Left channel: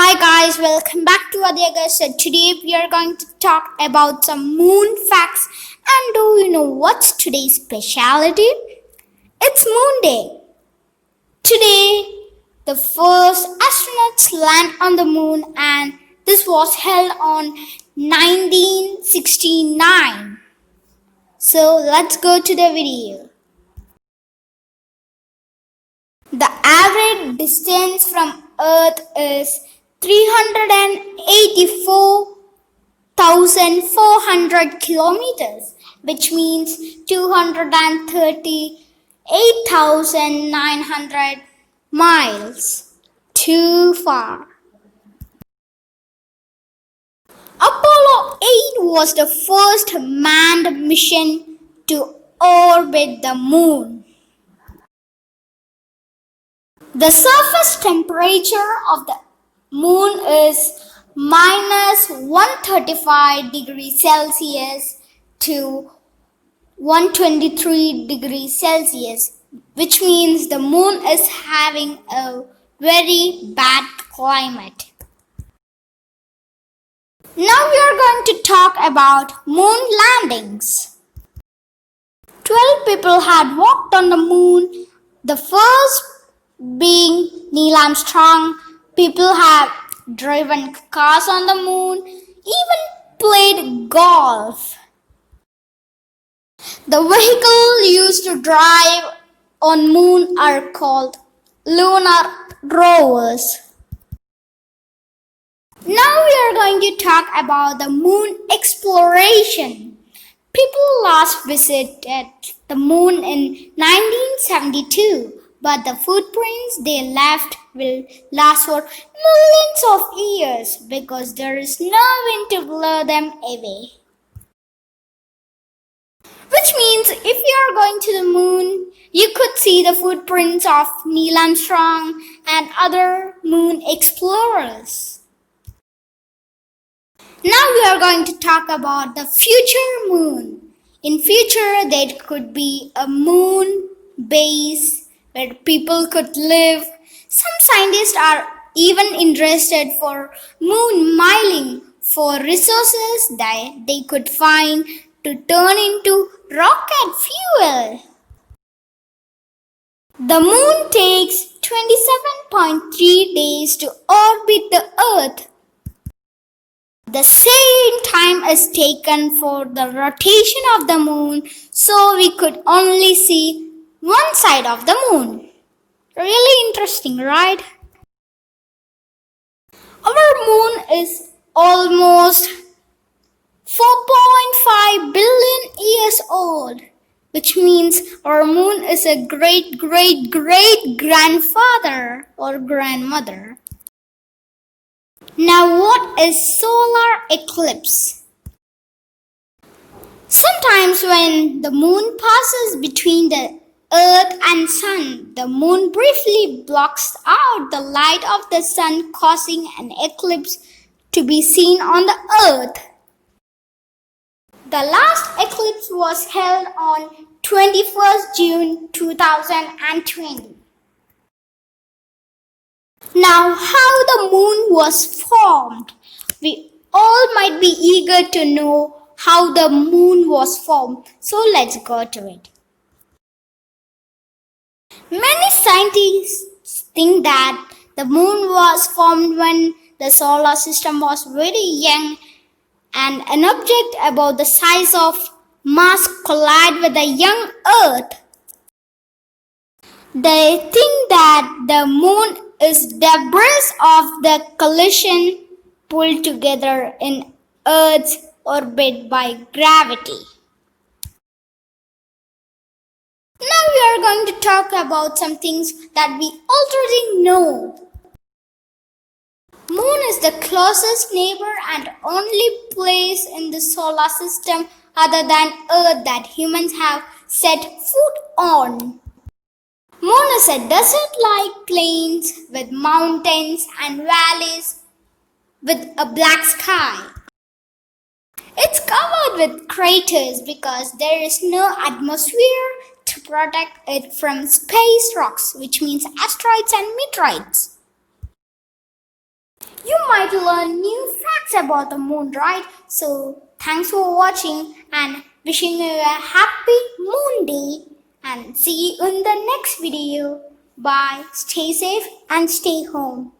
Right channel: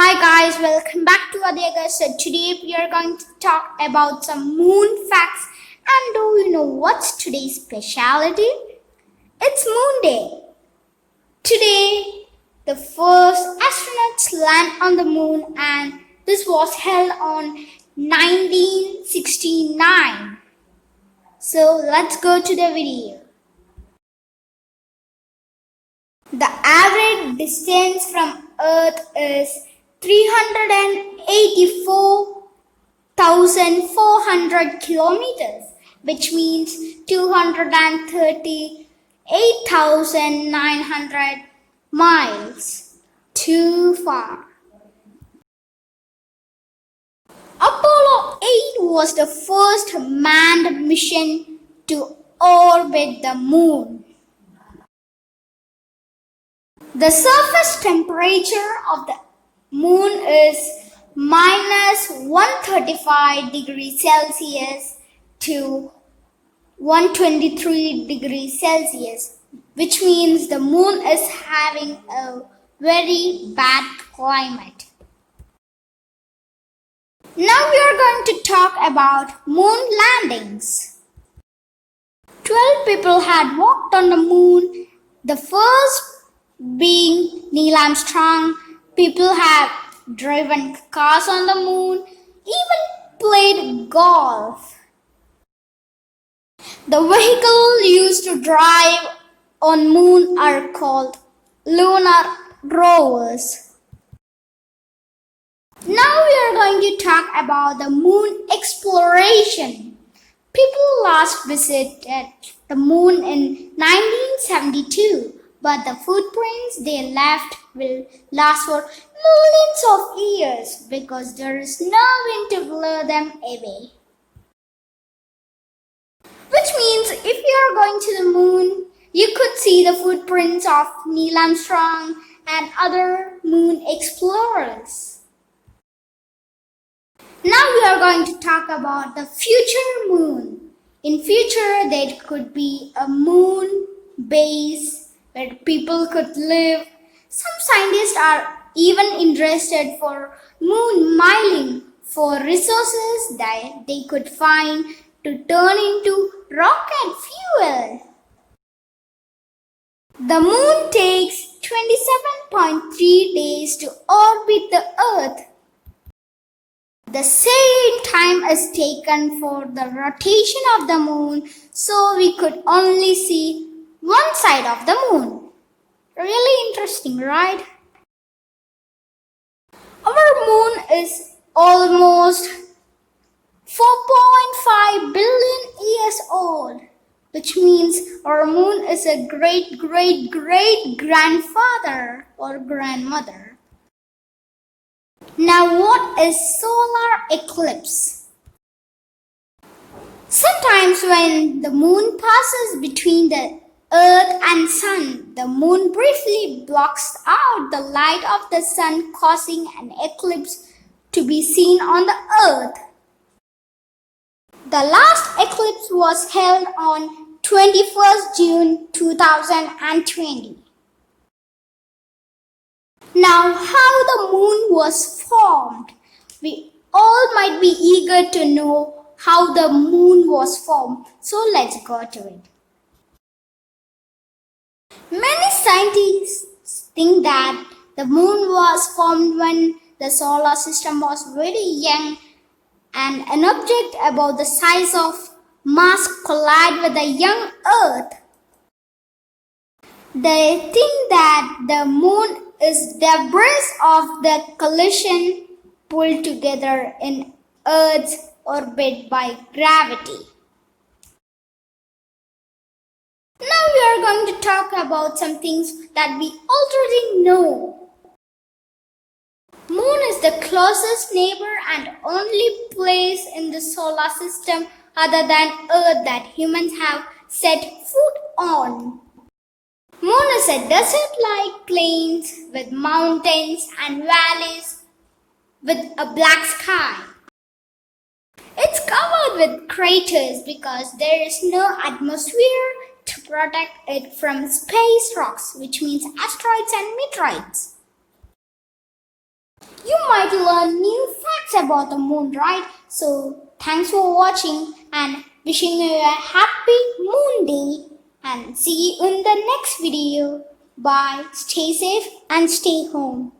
Hi guys, welcome back to Adyaga. So today we are going to talk about some moon facts. And do you know what's today's speciality? It's Moon Day. Today, the first astronauts land on the moon, and this was held on 1969. So let's go to the video. The average distance from Earth is 384,400 kilometers, which means 238,900 miles. Too far. Apollo 8 was the first manned mission to orbit the moon. The surface temperature of the moon is minus 135 degrees Celsius to 123 degrees Celsius, which means the moon is having a very bad climate. Now we are going to talk about moon landings. 12 people had walked on the moon. The first being Neil Armstrong. People have driven cars on the moon, even played golf. The vehicle used to drive on moon are called lunar rovers. Now we are going to talk about the moon exploration. People last visited the moon in 1972. But the footprints they left will last for millions of years because there is no wind to blow them away. Which means if you are going to the moon, you could see the footprints of Neil Armstrong and other moon explorers. Now we are going to talk about the future moon. In future, there could be a moon base where people could live. Some scientists are even interested for moon mining for resources that they could find to turn into rocket fuel. The moon takes 27.3 days to orbit the Earth. The same time is taken for the rotation of the moon, so we could only see one side of the moon. Really interesting, right? Our moon is almost 4.5 billion years old, which means our moon is a great grandfather or grandmother. Now, what is solar eclipse? Sometimes when the moon passes between the Earth and Sun, the moon briefly blocks out the light of the Sun, causing an eclipse to be seen on the Earth. The last eclipse was held on 21st June 2020. Now, how the moon was formed? We all might be eager to know how the moon was formed, so let's go to it. Many scientists think that the moon was formed when the solar system was very young and an object about the size of Mars collided with the young Earth. They think that the moon is debris of the collision pulled together in Earth's orbit by gravity. Now we are going to talk about some things that we already know. Moon is the closest neighbor and only place in the solar system other than Earth that humans have set foot on. Moon is a desert-like plains with mountains and valleys with a black sky. It's covered with craters because there is no atmosphere to protect it from space rocks, which means asteroids and meteorites. you might learn new facts about the moon, right? So, thanks for watching and wishing you a happy moon day and see you in the next video. Bye. Stay safe and stay home.